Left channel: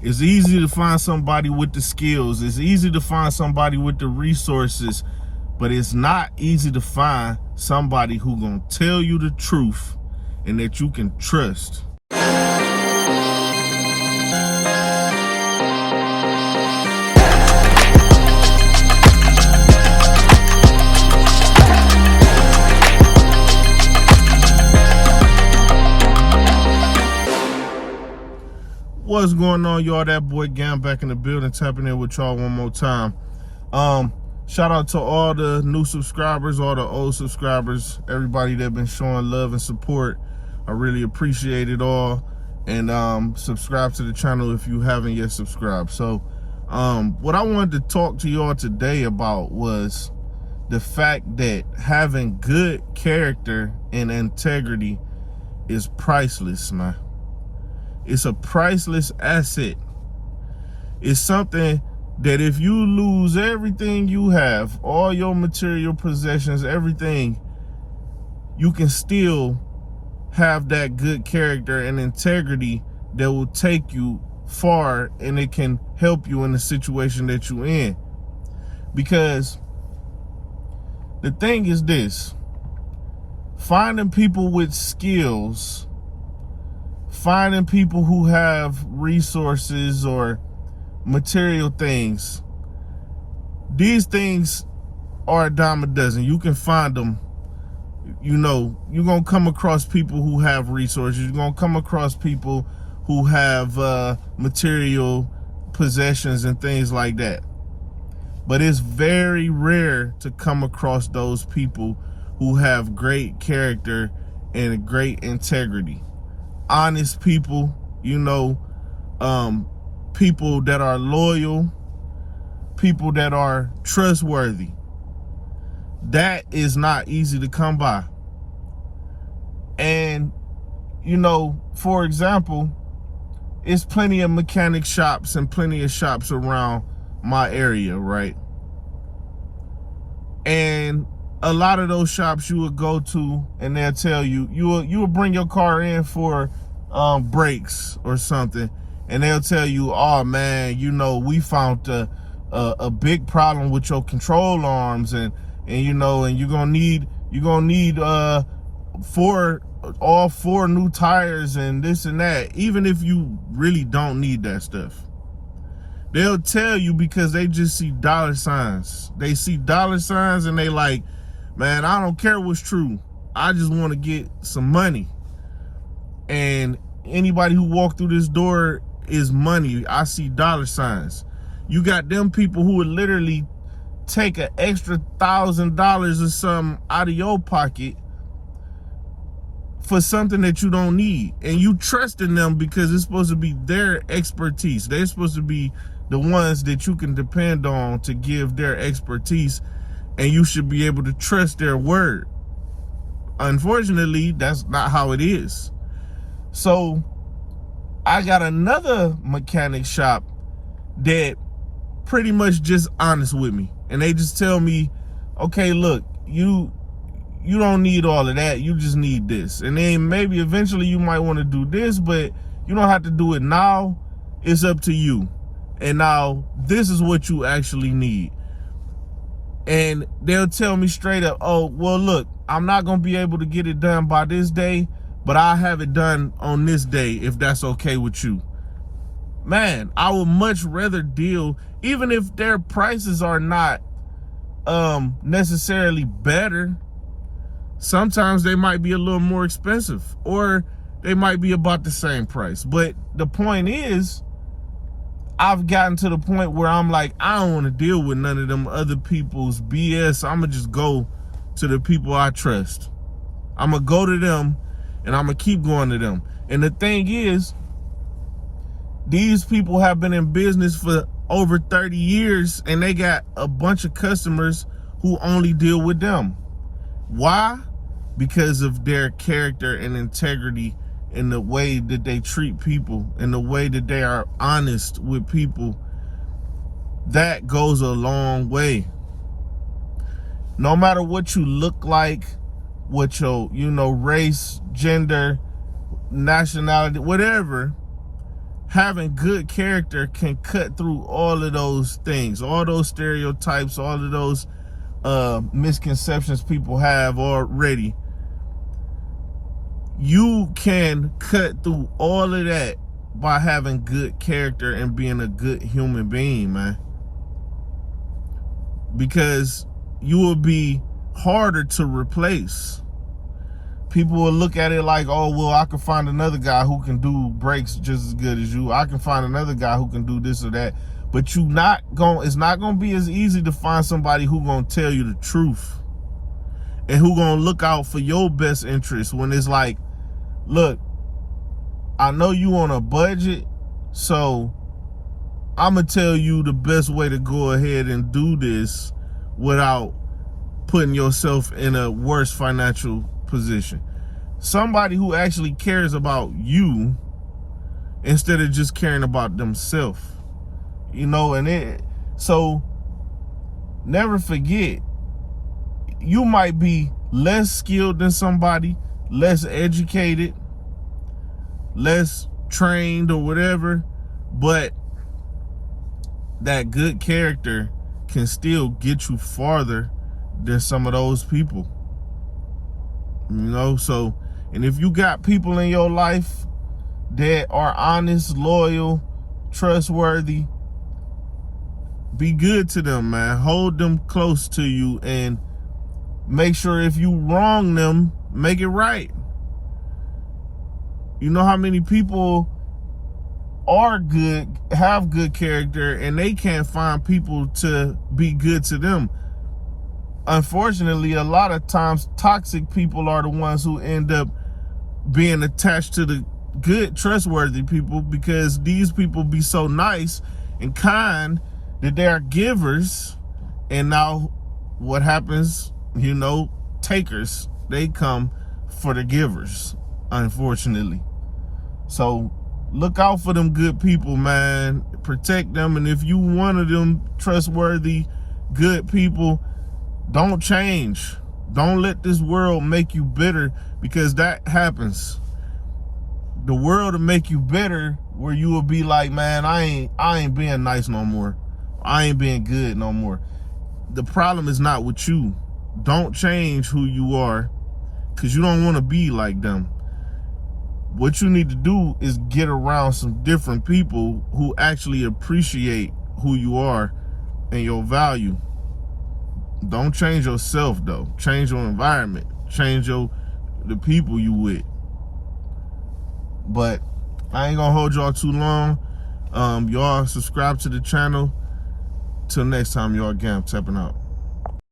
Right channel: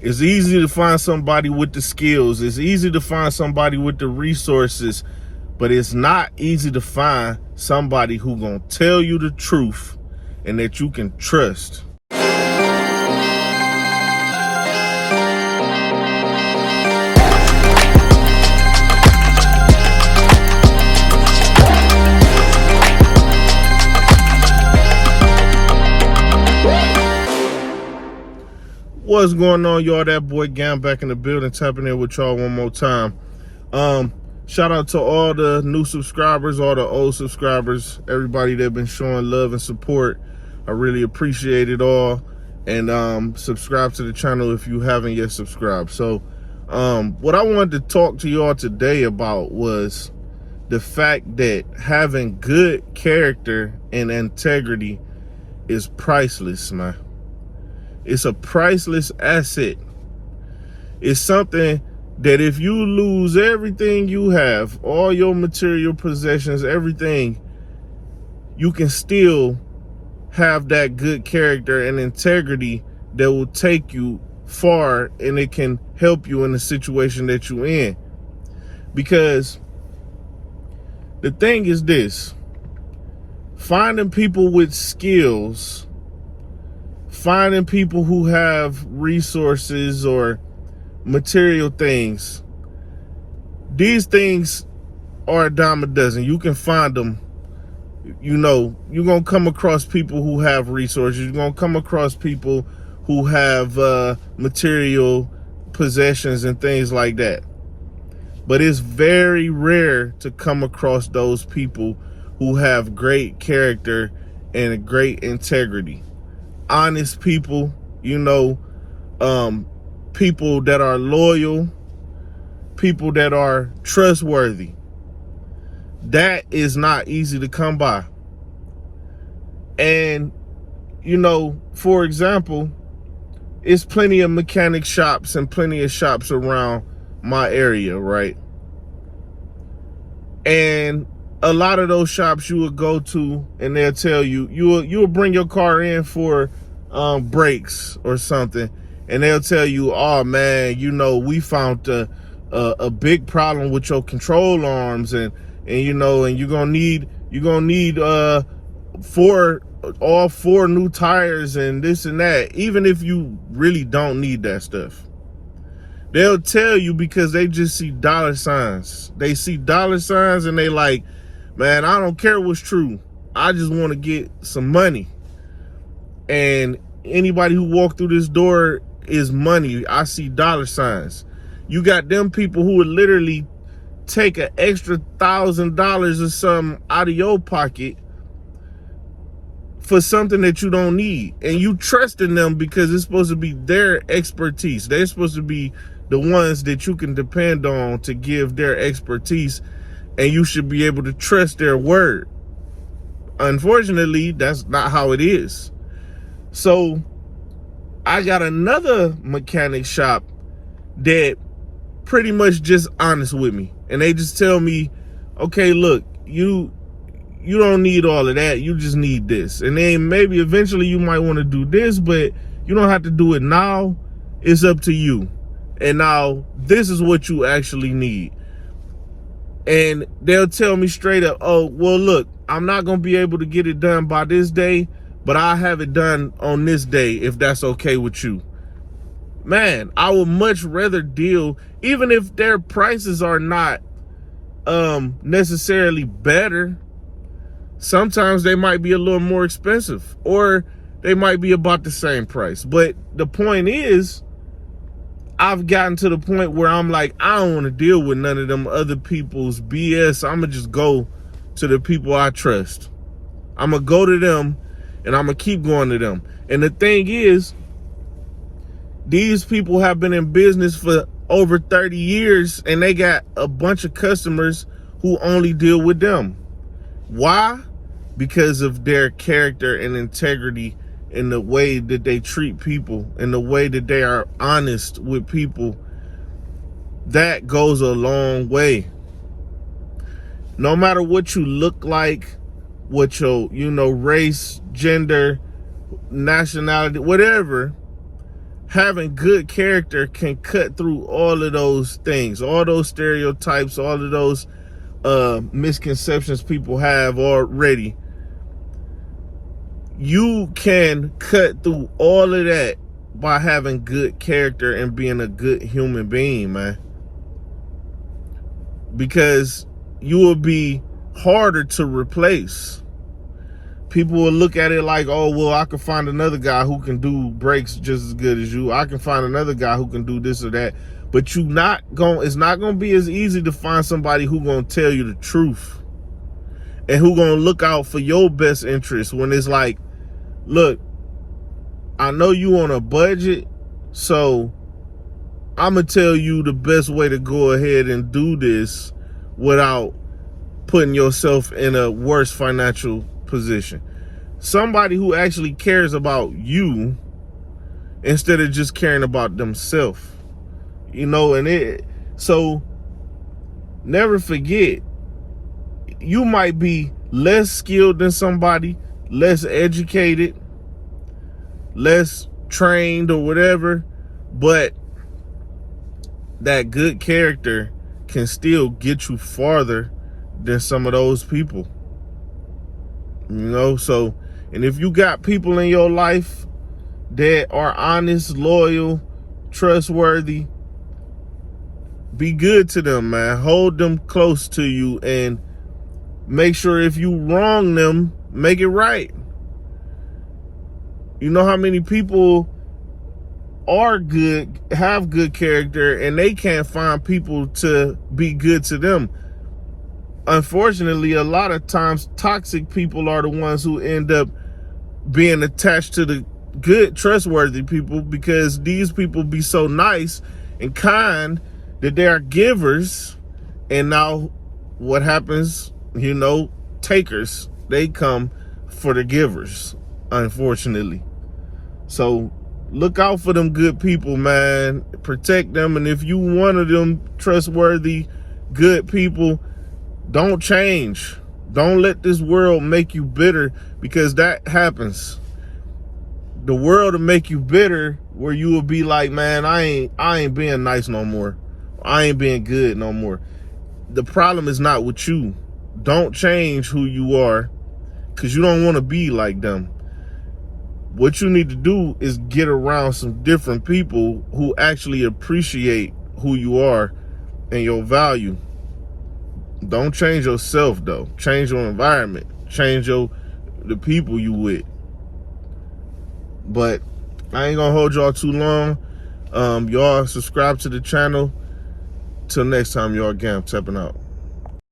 It's easy to find somebody with the skills. It's easy to find somebody with the resources, but it's not easy to find somebody who gonna tell you the truth and that you can trust. What's going on, y'all? That boy Gam back in the building, tapping in with y'all one more time. Shout out to all the new subscribers, all the old subscribers, everybody that been showing love and support. I really appreciate it all. And subscribe to the channel if you haven't yet subscribed. So what I wanted to talk to y'all today about was the fact that having good character and integrity is priceless, man. It's a priceless asset. It's something that if you lose everything you have, all your material possessions, everything, you can still have that good character and integrity that will take you far, and it can help you in the situation that you're in. Because the thing is this, finding people with skills, finding people who have resources or material things, these things are a dime a dozen. You can find them. You know, you're going to come across people who have resources. You're going to come across people who have material possessions and things like that. But it's very rare to come across those people who have great character and great integrity. Honest people, you know, people that are loyal, people that are trustworthy. That is not easy to come by. And, you know, for example, it's plenty of mechanic shops and plenty of shops around my area, right? And a lot of those shops you will go to and they'll tell you, you will bring your car in for brakes or something, and they'll tell you, oh man, you know, we found a big problem with your control arms, and you know, and you're gonna need all four new tires and this and that, even if you really don't need that stuff. They'll tell you because they just see dollar signs. They see dollar signs and they like, man, I don't care what's true. I just want to get some money. And anybody who walked through this door is money. I see dollar signs. You got them people who would literally take an extra $1,000 or something out of your pocket for something that you don't need. And you trust in them because it's supposed to be their expertise. They're supposed to be the ones that you can depend on to give their expertise, and you should be able to trust their word. Unfortunately, that's not how it is. So I got another mechanic shop that pretty much just honest with me, and they just tell me, okay, look, you don't need all of that, you just need this. And then maybe eventually you might want to do this, but you don't have to do it now. It's up to you. And now this is what you actually need. And they'll tell me straight up, oh, well, look, I'm not going to be able to get it done by this day, but I'll have it done on this day if that's okay with you. Man, I would much rather deal, even if their prices are not necessarily better. Sometimes they might be a little more expensive, or they might be about the same price. But the point is, I've gotten to the point where I'm like, I don't want to deal with none of them other people's BS. I'm going to just go to the people I trust. I'm going to go to them, and I'm going to keep going to them. And the thing is, these people have been in business for over 30 years, and they got a bunch of customers who only deal with them. Why? Because of their character and integrity, in the way that they treat people, in the way that they are honest with people. That goes a long way. No matter what you look like, what your, you know, race, gender, nationality, whatever, having good character can cut through all of those things, all those stereotypes, all of those misconceptions people have already. You can cut through all of that by having good character and being a good human being, man. Because you will be harder to replace. People will look at it like, oh, well, I can find another guy who can do breaks just as good as you. I can find another guy who can do this or that. But it's not gonna be as easy to find somebody who gonna tell you the truth and who gonna look out for your best interest when it's like, look, I know you on a budget, so I'm gonna tell you the best way to go ahead and do this without putting yourself in a worse financial position. Somebody who actually cares about you instead of just caring about themselves. You know, so never forget, you might be less skilled than somebody, less educated, less trained or whatever, but that good character can still get you farther than some of those people. You know, so, and if you got people in your life that are honest, loyal, trustworthy, be good to them, man. Hold them close to you and make sure if you wrong them, make it right. You know how many people are good, have good character, and they can't find people to be good to them. Unfortunately, a lot of times toxic people are the ones who end up being attached to the good, trustworthy people, because these people be so nice and kind that they are givers. And now what happens, you know, takers, they come for the givers, unfortunately. So look out for them good people, man. Protect them. And if you one of them trustworthy, good people, don't change. Don't let this world make you bitter, because that happens. The world will make you bitter, where you will be like, man, I ain't being nice no more. I ain't being good no more. The problem is not with you. Don't change who you are, because you don't want to be like them. What you need to do is get around some different people who actually appreciate who you are and your value. Don't change yourself, though. Change your environment. Change the people you with. But I ain't gonna hold y'all too long. Y'all subscribe to the channel. Till next time, y'all, again, I'm tapping out.